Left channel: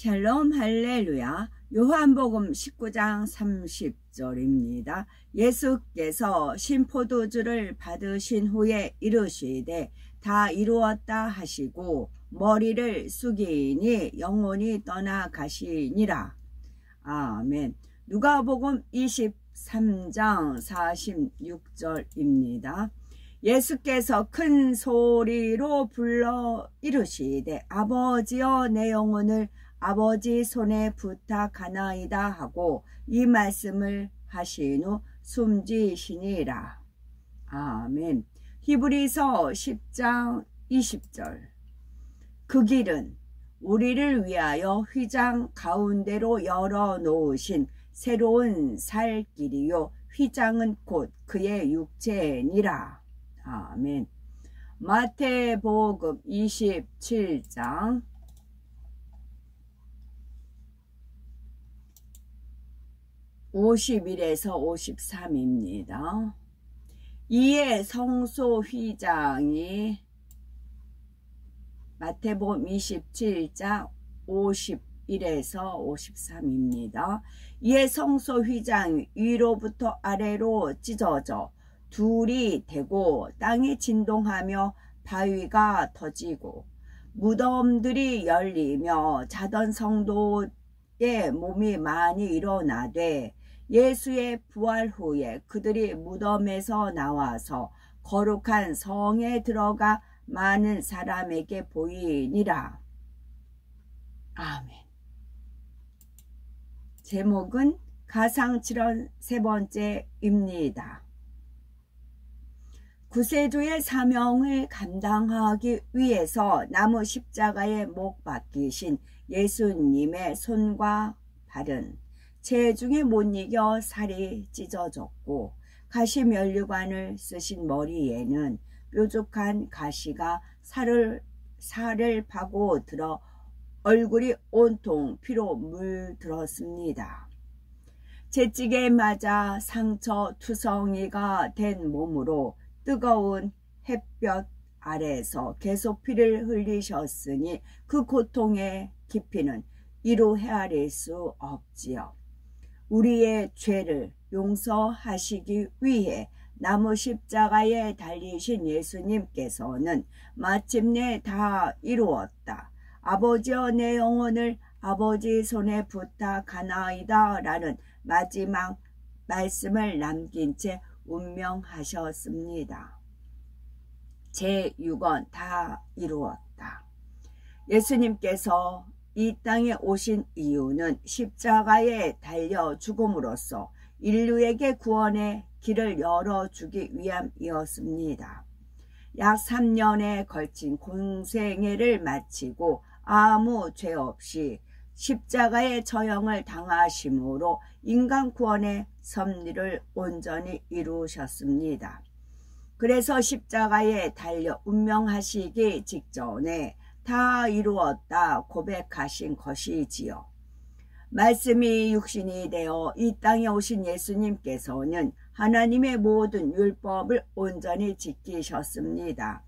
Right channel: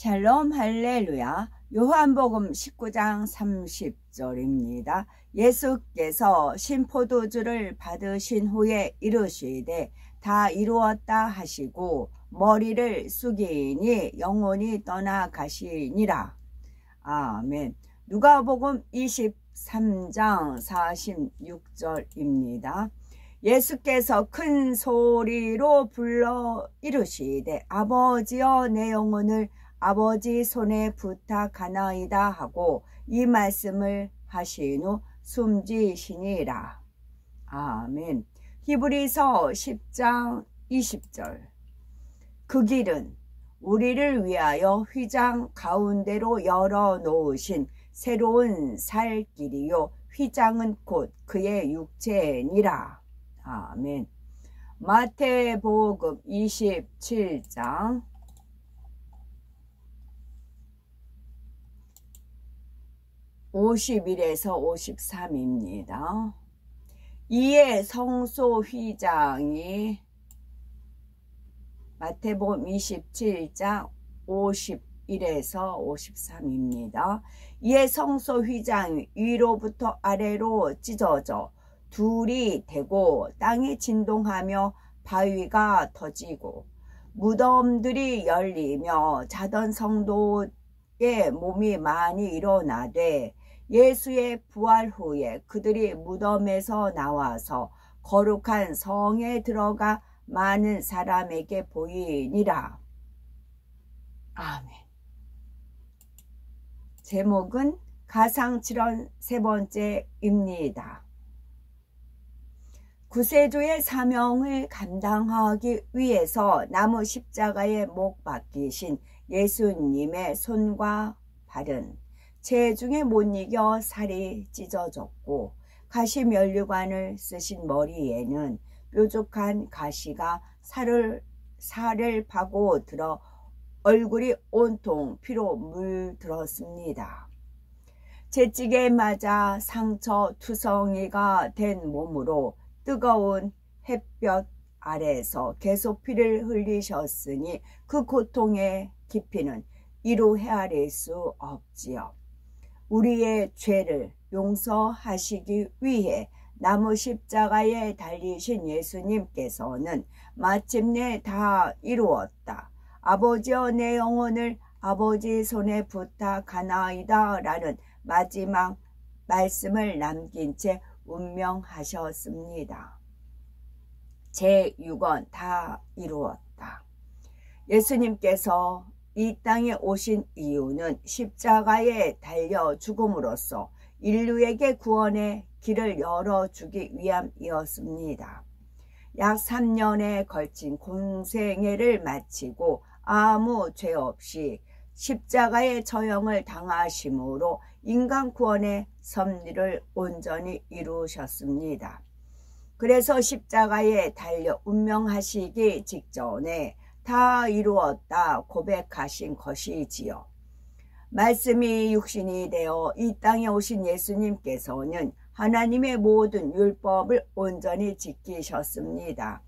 샬롬 할렐루야. 요한복음 19장 30절입니다. 예수께서 신포도주를 받으신 후에 이르시되 다 이루었다 하시고 머리를 숙이니 영혼이 떠나가시니라. 아멘. 누가복음 23장 46절입니다. 예수께서 큰 소리로 불러 이르시되 아버지여 내 영혼을 아버지 손에 부탁하나이다 하고 이 말씀을 하신 후 숨지시니라. 아멘. 히브리서 10장 20절. 그 길은 우리를 위하여 휘장 가운데로 열어놓으신 새로운 살 길이요 휘장은 곧 그의 육체니라. 아멘. 마태복음 27장 51에서 53입니다. 이에 성소 휘장이 마태복음 27장 51에서 53입니다. 이에 성소 휘장 위로부터 아래로 찢어져 둘이 되고 땅이 진동하며 바위가 터지고 무덤들이 열리며 자던 성도의 몸이 많이 일어나되 예수의 부활 후에 그들이 무덤에서 나와서 거룩한 성에 들어가 많은 사람에게 보이니라. 아멘. 제목은 가상칠언 세 번째입니다. 구세주의 사명을 감당하기 위해서 나무 십자가에 못 박히신 예수님의 손과 발은 체중에 못 이겨 살이 찢어졌고 가시면류관을 쓰신 머리에는 뾰족한 가시가 살을 파고 들어 얼굴이 온통 피로 물들었습니다. 채찍에 맞아 상처 투성이가 된 몸으로 뜨거운 햇볕 아래에서 계속 피를 흘리셨으니 그 고통의 깊이는 이루 헤아릴 수 없지요. 우리의 죄를 용서하시기 위해 나무 십자가에 달리신 예수님께서는 마침내 다 이루었다. 아버지여 내 영혼을 아버지 손에 부탁하나이다 라는 마지막 말씀을 남긴 채 운명하셨습니다. 제6권 다 이루었다. 예수님께서 이 땅에 오신 이유는 십자가에 달려 죽음으로써 인류에게 구원의 길을 열어주기 위함이었습니다. 약 3년에 걸친 공생애를 마치고 아무 죄 없이 십자가의 처형을 당하심으로 인간 구원의 섭리를 온전히 이루셨습니다. 그래서 십자가에 달려 운명하시기 직전에 다 이루었다 고백하신 것이지요. 말씀이 육신이 되어 이 땅에 오신 예수님께서는 하나님의 모든 율법을 온전히 지키셨습니다.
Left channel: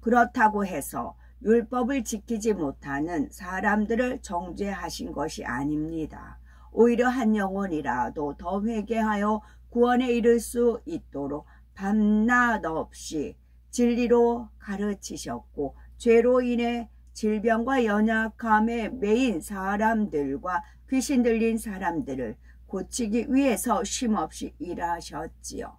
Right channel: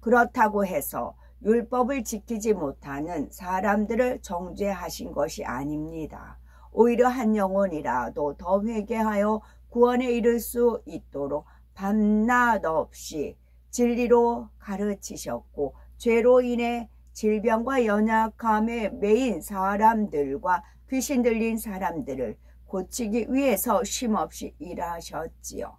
그렇다고 해서 율법을 지키지 못하는 사람들을 정죄하신 것이 아닙니다. 오히려 한 영혼이라도 더 회개하여 구원에 이를 수 있도록 밤낮 없이 진리로 가르치셨고 죄로 인해 질병과 연약함에 매인 사람들과 귀신 들린 사람들을 고치기 위해서 쉼없이 일하셨지요.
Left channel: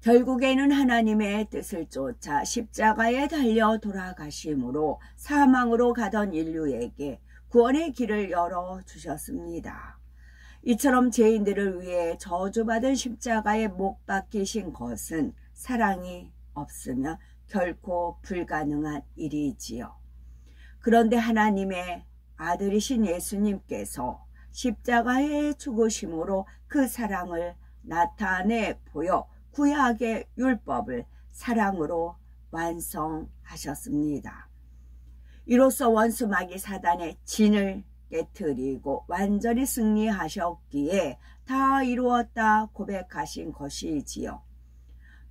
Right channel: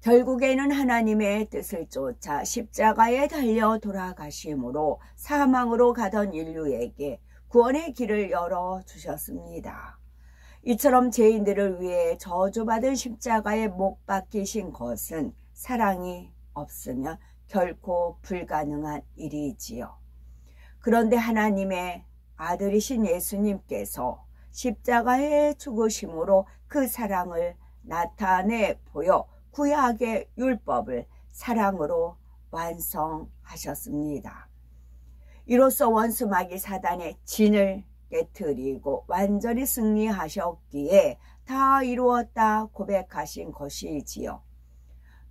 결국에는 하나님의 뜻을 쫓아 십자가에 달려 돌아가심으로 사망으로 가던 인류에게 구원의 길을 열어주셨습니다. 이처럼 죄인들을 위해 저주받은 십자가에 못 박히신 것은 사랑이 없으면 결코 불가능한 일이지요. 그런데 하나님의 아들이신 예수님께서 십자가에 죽으심으로 그 사랑을 나타내 보여 구약의 율법을 사랑으로 완성하셨습니다. 이로써 원수 마귀 사단의 진을 깨트리고 완전히 승리하셨기에 다 이루었다 고백하신 것이지요.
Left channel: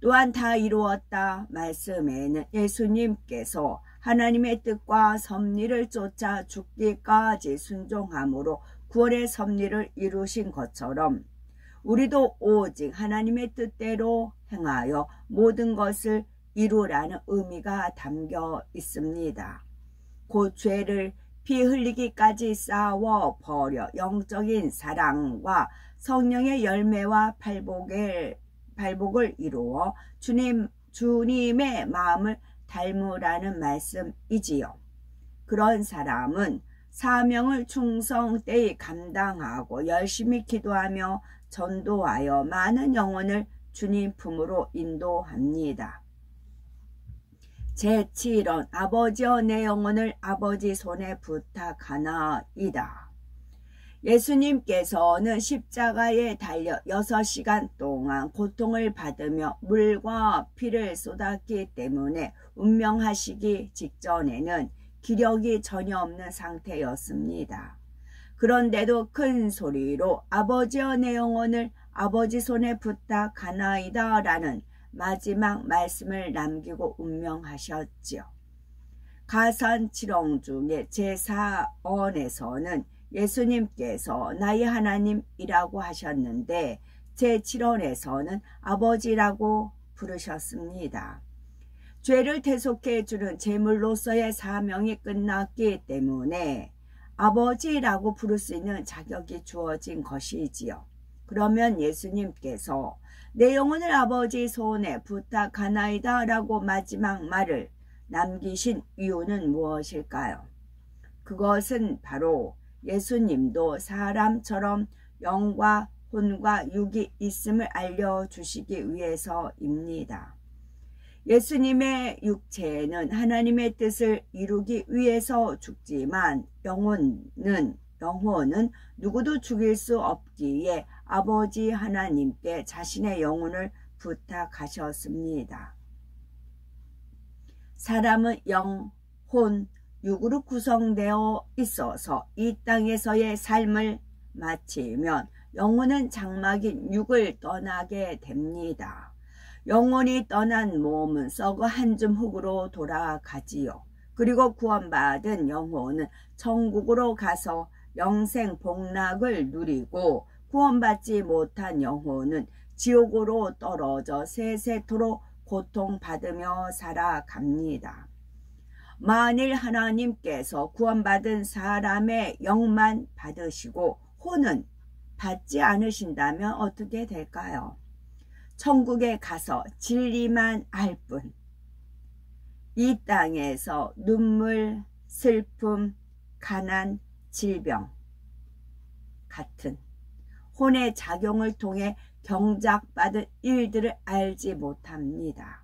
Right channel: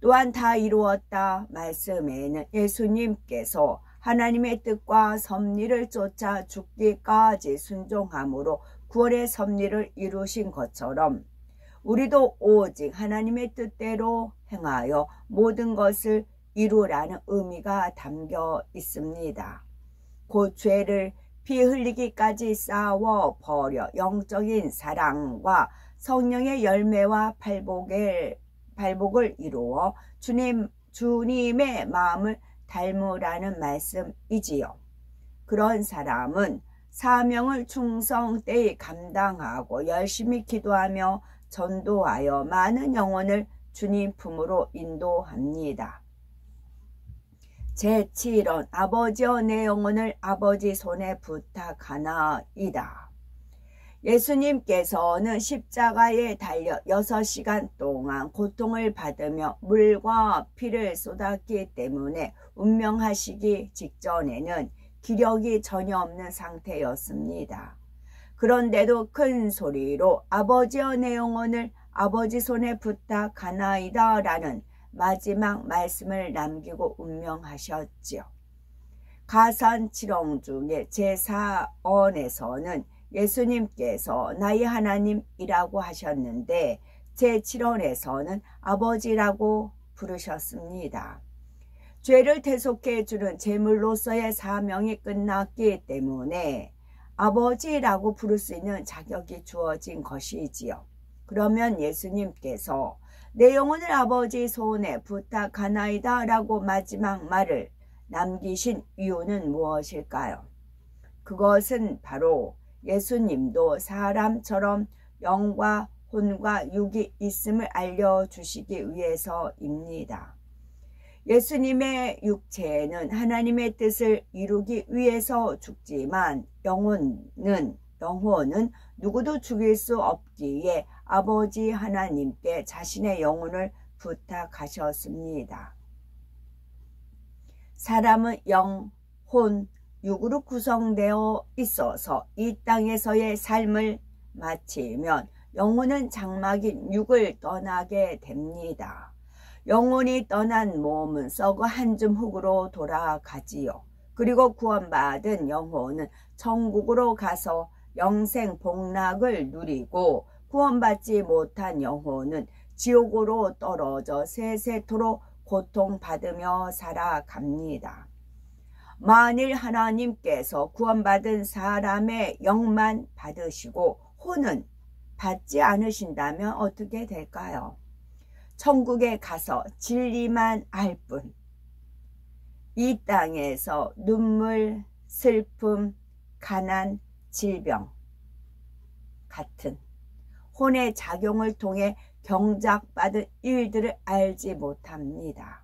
또한 다 이루었다 말씀에는 예수님께서 하나님의 뜻과 섭리를 쫓아 죽기까지 순종함으로 구원의 섭리를 이루신 것처럼 우리도 오직 하나님의 뜻대로 행하여 모든 것을 이루라는 의미가 담겨 있습니다. 곧 죄를 피 흘리기까지 싸워 버려 영적인 사랑과 성령의 열매와 발복을 이루어 주님의 마음을 닮으라는 말씀이지요. 그런 사람은 사명을 충성되이 감당하고 열심히 기도하며 전도하여 많은 영혼을 주님 품으로 인도합니다. 제7원 아버지여 내 영혼을 아버지 손에 부탁하나이다. 예수님께서는 십자가에 달려 6시간 동안 고통을 받으며 물과 피를 쏟았기 때문에 운명하시기 직전에는 기력이 전혀 없는 상태였습니다. 그런데도 큰 소리로 아버지여 내 영혼을 아버지 손에 부탁하나이다 라는 마지막 말씀을 남기고 운명하셨지요. 가산치렁 중에 제4원에서는 예수님께서 나의 하나님이라고 하셨는데 제7원에서는 아버지라고 부르셨습니다. 죄를 대속해 주는 제물로서의 사명이 끝났기 때문에 아버지라고 부를 수 있는 자격이 주어진 것이지요. 그러면 예수님께서 내 영혼을 아버지 손에 부탁하나이다 라고 마지막 말을 남기신 이유는 무엇일까요? 그것은 바로 예수님도 사람처럼 영과 혼과 육이 있음을 알려주시기 위해서입니다. 예수님의 육체는 하나님의 뜻을 이루기 위해서 죽지만 영혼은 누구도 죽일 수 없기에 아버지 하나님께 자신의 영혼을 부탁하셨습니다. 사람은 영, 혼, 육으로 구성되어 있어서 이 땅에서의 삶을 마치면 영혼은 장막인 육을 떠나게 됩니다. 영혼이 떠난 몸은 썩어 한 줌 흙으로 돌아가지요. 그리고 구원받은 영혼은 천국으로 가서 영생 복락을 누리고 구원받지 못한 영혼은 지옥으로 떨어져 세세토록 고통받으며 살아갑니다. 만일 하나님께서 구원받은 사람의 영만 받으시고 혼은 받지 않으신다면 어떻게 될까요? 천국에 가서 진리만 알 뿐, 이 땅에서 눈물, 슬픔, 가난, 질병 같은 혼의 작용을 통해 경작받은 일들을 알지 못합니다.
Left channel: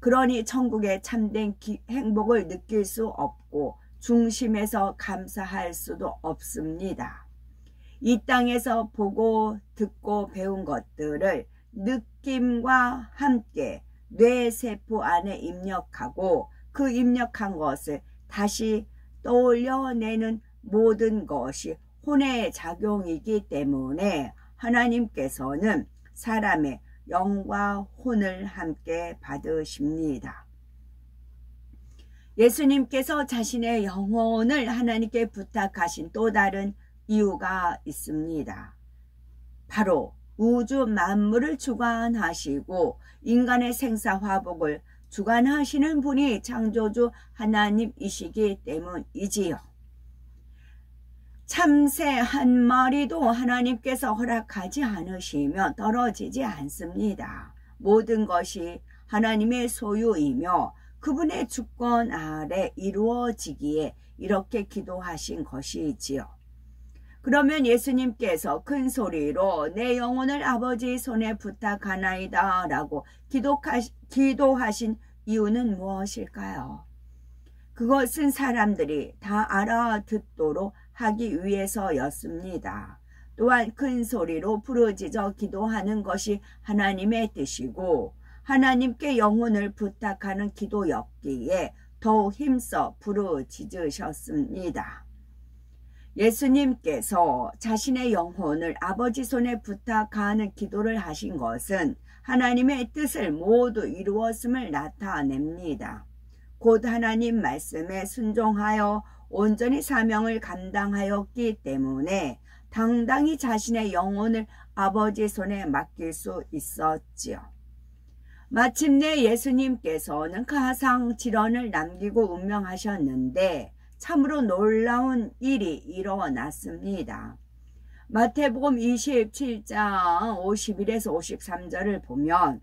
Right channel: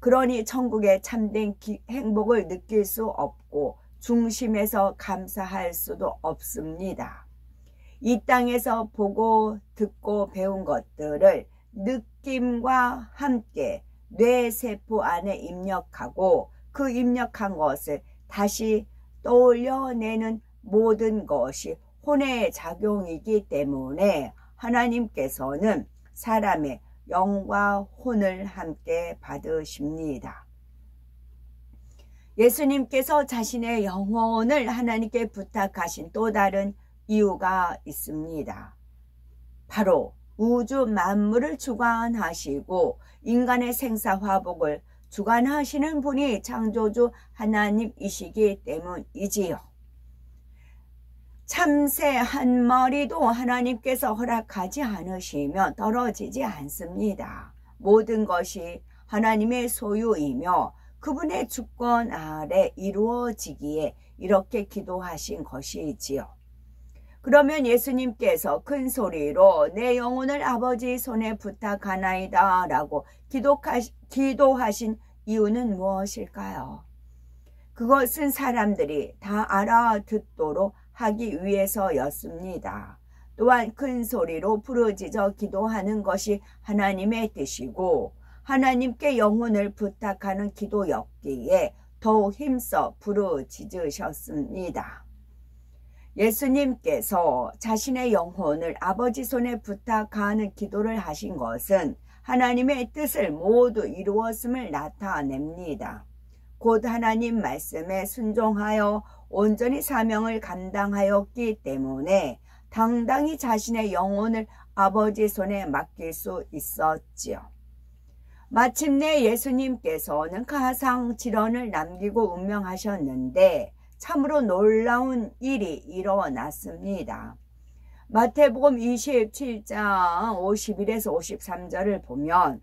그러니 천국의 참된 행복을 느낄 수 없고 중심에서 감사할 수도 없습니다. 이 땅에서 보고 듣고 배운 것들을 느낌과 함께 뇌세포 안에 입력하고 그 입력한 것을 다시 떠올려내는 모든 것이 혼의 작용이기 때문에 하나님께서는 사람의 영과 혼을 함께 받으십니다. 예수님께서 자신의 영혼을 하나님께 부탁하신 또 다른 이유가 있습니다. 바로 우주 만물을 주관하시고 인간의 생사화복을 주관하시는 분이 창조주 하나님이시기 때문이지요. 참새 한 마리도 하나님께서 허락하지 않으시면 떨어지지 않습니다. 모든 것이 하나님의 소유이며 그분의 주권 아래 이루어지기에 이렇게 기도하신 것이지요. 그러면 예수님께서 큰 소리로 내 영혼을 아버지 손에 부탁하나이다 라고 기도하신 이유는 무엇일까요? 그것은 사람들이 다 알아듣도록 하기 위해서였습니다. 또한 큰 소리로 부르짖어 기도하는 것이 하나님의 뜻이고 하나님께 영혼을 부탁하는 기도였기에 더욱 힘써 부르짖으셨습니다. 예수님께서 자신의 영혼을 아버지 손에 부탁하는 기도를 하신 것은 하나님의 뜻을 모두 이루었음을 나타냅니다. 곧 하나님 말씀에 순종하여 온전히 사명을 감당하였기 때문에 당당히 자신의 영혼을 아버지 손에 맡길 수 있었지요. 마침내 예수님께서는 가상 질언을 남기고 운명하셨는데 참으로 놀라운 일이 일어났습니다. 마태복음 27장 51에서 53절을 보면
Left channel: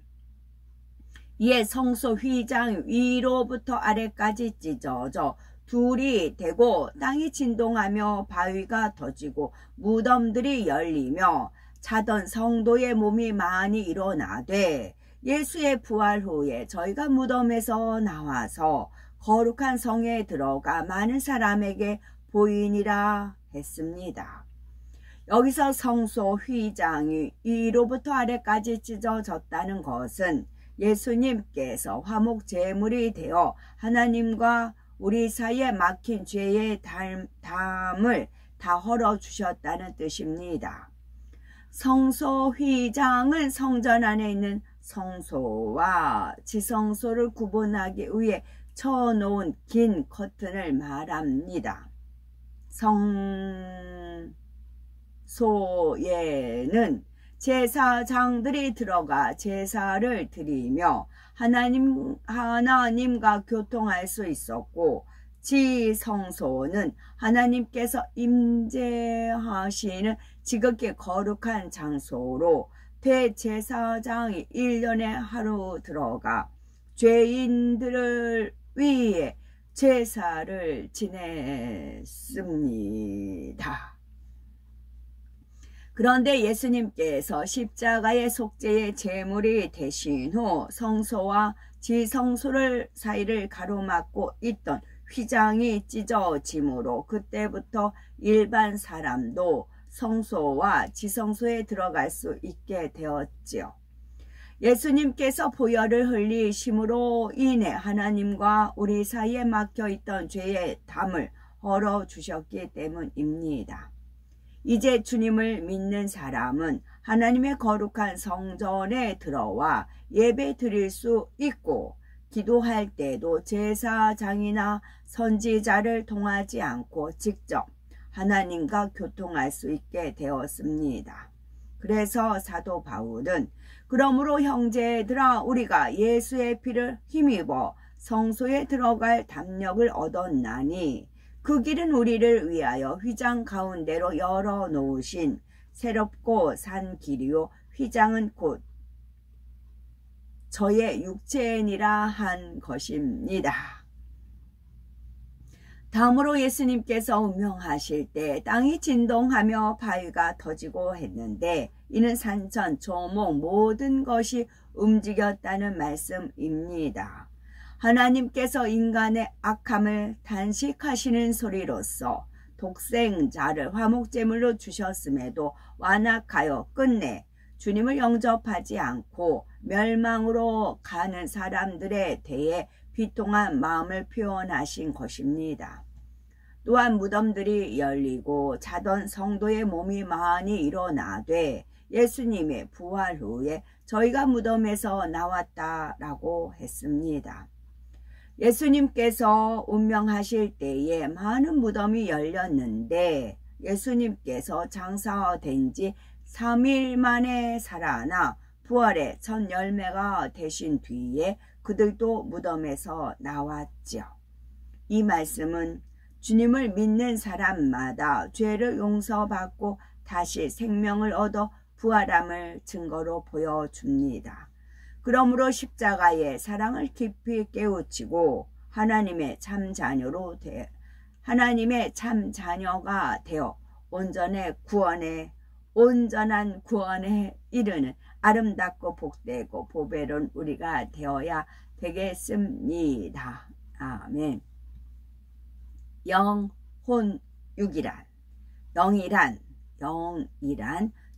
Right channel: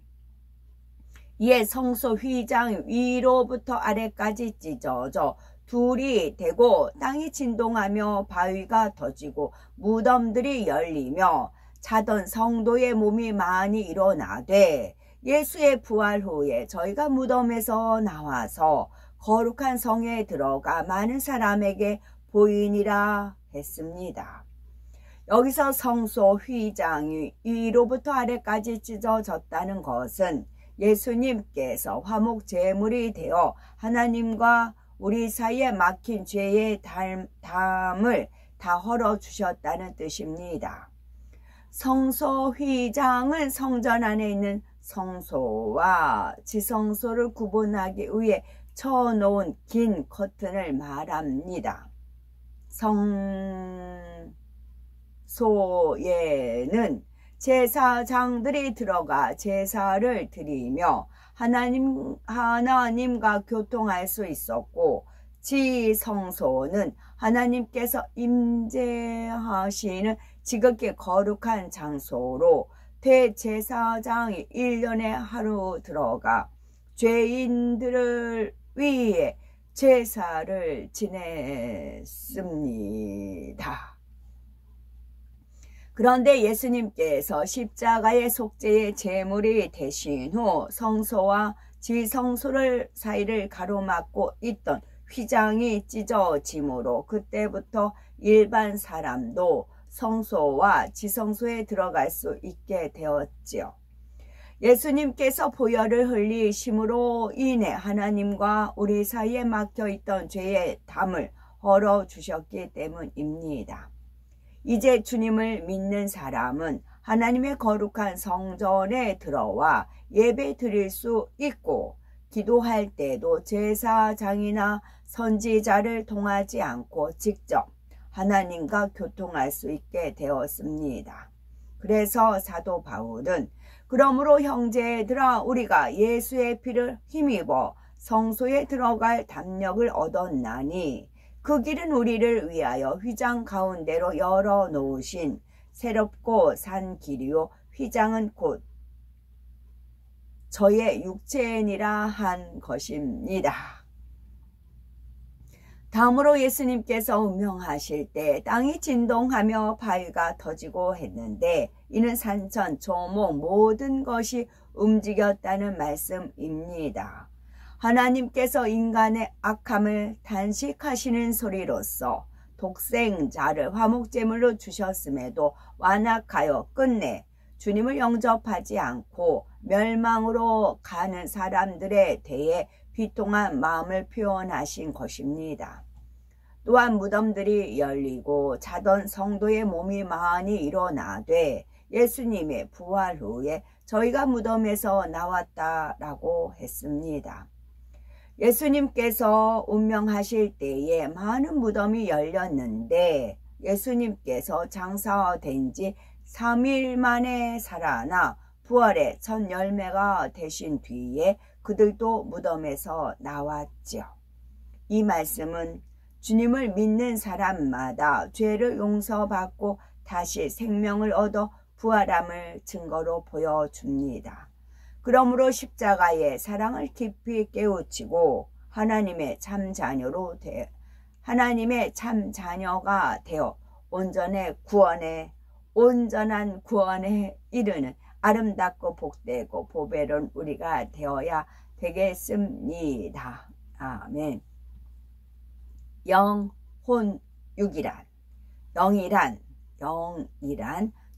이에 성소 휘장 위로부터 아래까지 찢어져 둘이 되고 땅이 진동하며 바위가 터지고 무덤들이 열리며 자던 성도의 몸이 많이 일어나되 예수의 부활 후에 저희가 무덤에서 나와서 거룩한 성에 들어가 많은 사람에게 보이니라 했습니다. 여기서 성소 휘장이 위로부터 아래까지 찢어졌다는 것은 예수님께서 화목 제물이 되어 하나님과 우리 사이에 막힌 죄의 담을 다 헐어주셨다는 뜻입니다. 성소 휘장은 성전 안에 있는 성소와 지성소를 구분하기 위해 쳐놓은 긴 커튼을 말합니다. 성소에는 제사장들이 들어가 제사를 드리며 하나님과 교통할 수 있었고, 지성소는 하나님께서 임재하시는 지극히 거룩한 장소로 대제사장이 1년에 하루 들어가 죄인들을 위해 제사를 지냈습니다. 그런데 예수님께서 십자가의 속죄의 제물이 되신 후 성소와 지성소를 사이를 가로막고 있던 휘장이 찢어짐으로 그때부터 일반 사람도 성소와 지성소에 들어갈 수 있게 되었지요. 예수님께서 보혈을 흘리심으로 인해 하나님과 우리 사이에 막혀있던 죄의 담을 헐어주셨기 때문입니다. 이제 주님을 믿는 사람은 하나님의 거룩한 성전에 들어와 예배 드릴 수 있고, 기도할 때도 제사장이나 선지자를 통하지 않고 직접 하나님과 교통할 수 있게 되었습니다. 그래서 사도 바울은 그러므로 형제들아 우리가 예수의 피를 힘입어 성소에 들어갈 담력을 얻었나니 그 길은 우리를 위하여 휘장 가운데로 열어놓으신 새롭고 산 길이요 휘장은 곧 저의 육체니라 한 것입니다. 다음으로 예수님께서 운명하실 때 땅이 진동하며 바위가 터지고 했는데 이는 산천, 조목 모든 것이 움직였다는 말씀입니다. 하나님께서 인간의 악함을 단식하시는 소리로서 독생자를 화목제물로 주셨음에도 완악하여 끝내 주님을 영접하지 않고 멸망으로 가는 사람들에 대해 비통한 마음을 표현하신 것입니다. 또한 무덤들이 열리고 자던 성도의 몸이 많이 일어나되 예수님의 부활 후에 저희가 무덤에서 나왔다라고 했습니다. 예수님께서 운명하실 때에 많은 무덤이 열렸는데 예수님께서 장사된 지 3일 만에 살아나 부활의 첫 열매가 되신 뒤에 그들도 무덤에서 나왔죠. 이 말씀은 주님을 믿는 사람마다 죄를 용서받고 다시 생명을 얻어 부활함을 증거로 보여줍니다. 그러므로 십자가의 사랑을 깊이 깨우치고 하나님의 참 자녀가 되어 온전한 구원에 이르는 아름답고 복되고 보배로운 우리가 되어야 되겠습니다. 아멘. 영이란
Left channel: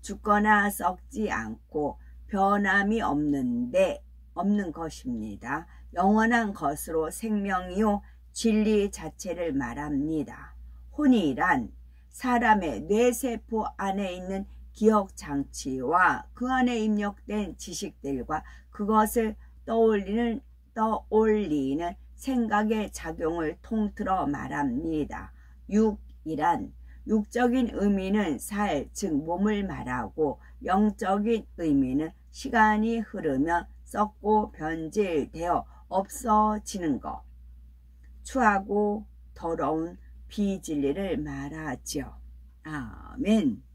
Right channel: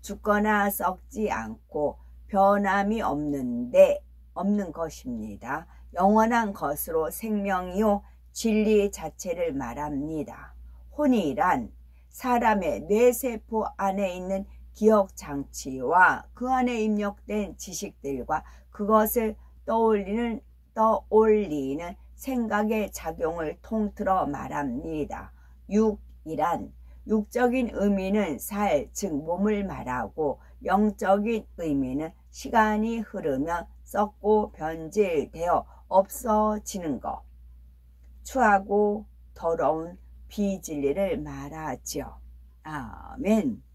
죽거나 썩지 않고 변함이 없는 것입니다. 영원한 것으로 생명이요 진리 자체를 말합니다. 혼이란 사람의 뇌세포 안에 있는 기억장치와 그 안에 입력된 지식들과 그것을 떠올리는 생각의 작용을 통틀어 말합니다. 육이란 육적인 의미는 살, 즉 몸을 말하고 영적인 의미는 시간이 흐르면 썩고 변질되어 없어지는 것, 추하고 더러운 비진리를 말하지요. 아멘.